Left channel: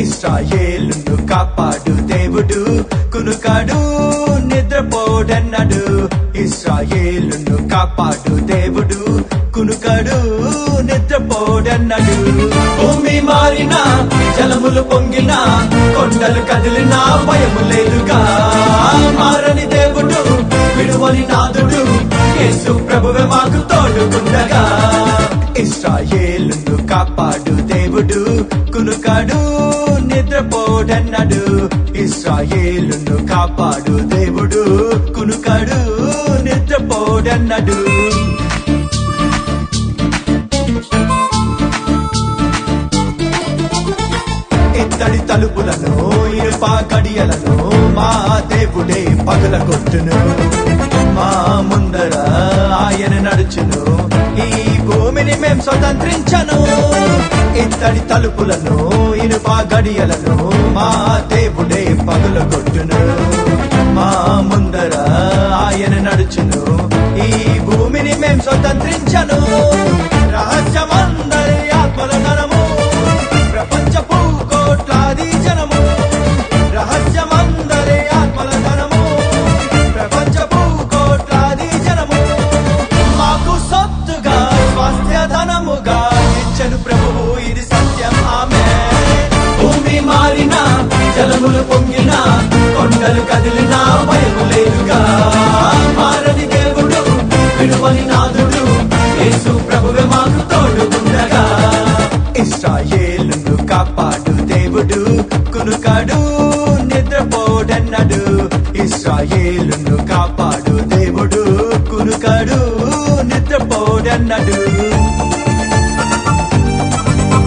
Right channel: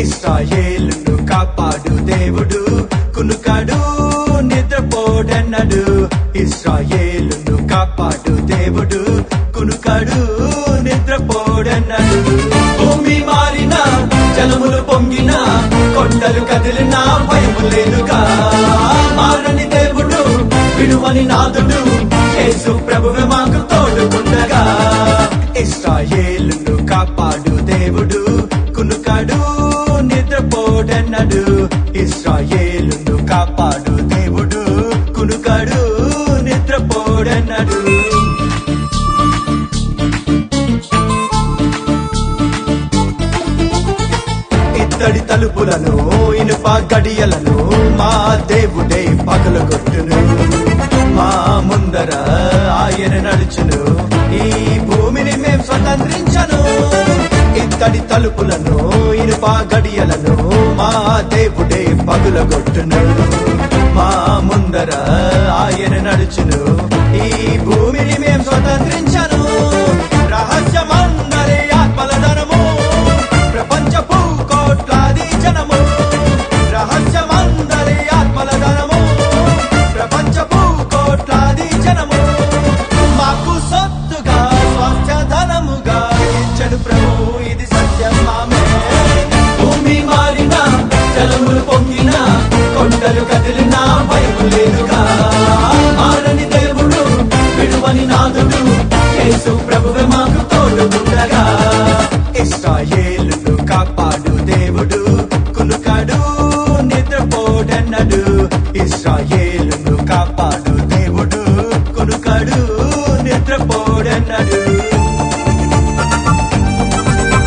ఇశ్రాయేలును కాపాడు దేవుడు, కునుకాడు నిద్రపోడన్నడు. ఇశ్రాయేలును కాపాడు దేవుడు, కునుకాడు నిద్రపోడన్నడు. భూమి మారినా, జలములు పొంగినా, కొండలు కదిలినా భయము లేదుగా. మారని దేవుడు, విడువని నాదుడు, యేసు ప్రభువే మాకు తోడుకుండగా. ఇశ్రాయేలును కాపాడు దేవుడు, కునుకాడు నిద్రపోడన్నడు. ఇశ్రాయేలును కాపాడు దేవుడు, కునుకాడు నిద్రపోడన్నడు. ఇత్తడి తలుపులను, ఇనుప గడియలను మా దేవుడే పగలగొట్టును. మా ముందర ఆయన నడుచును, ఈ భూమిని మేం స్వతంత్రించను. ఇత్తడి తలుపులను, ఇనుప గడియలను మా దేవుడే పగలగొట్టును. మా ముందర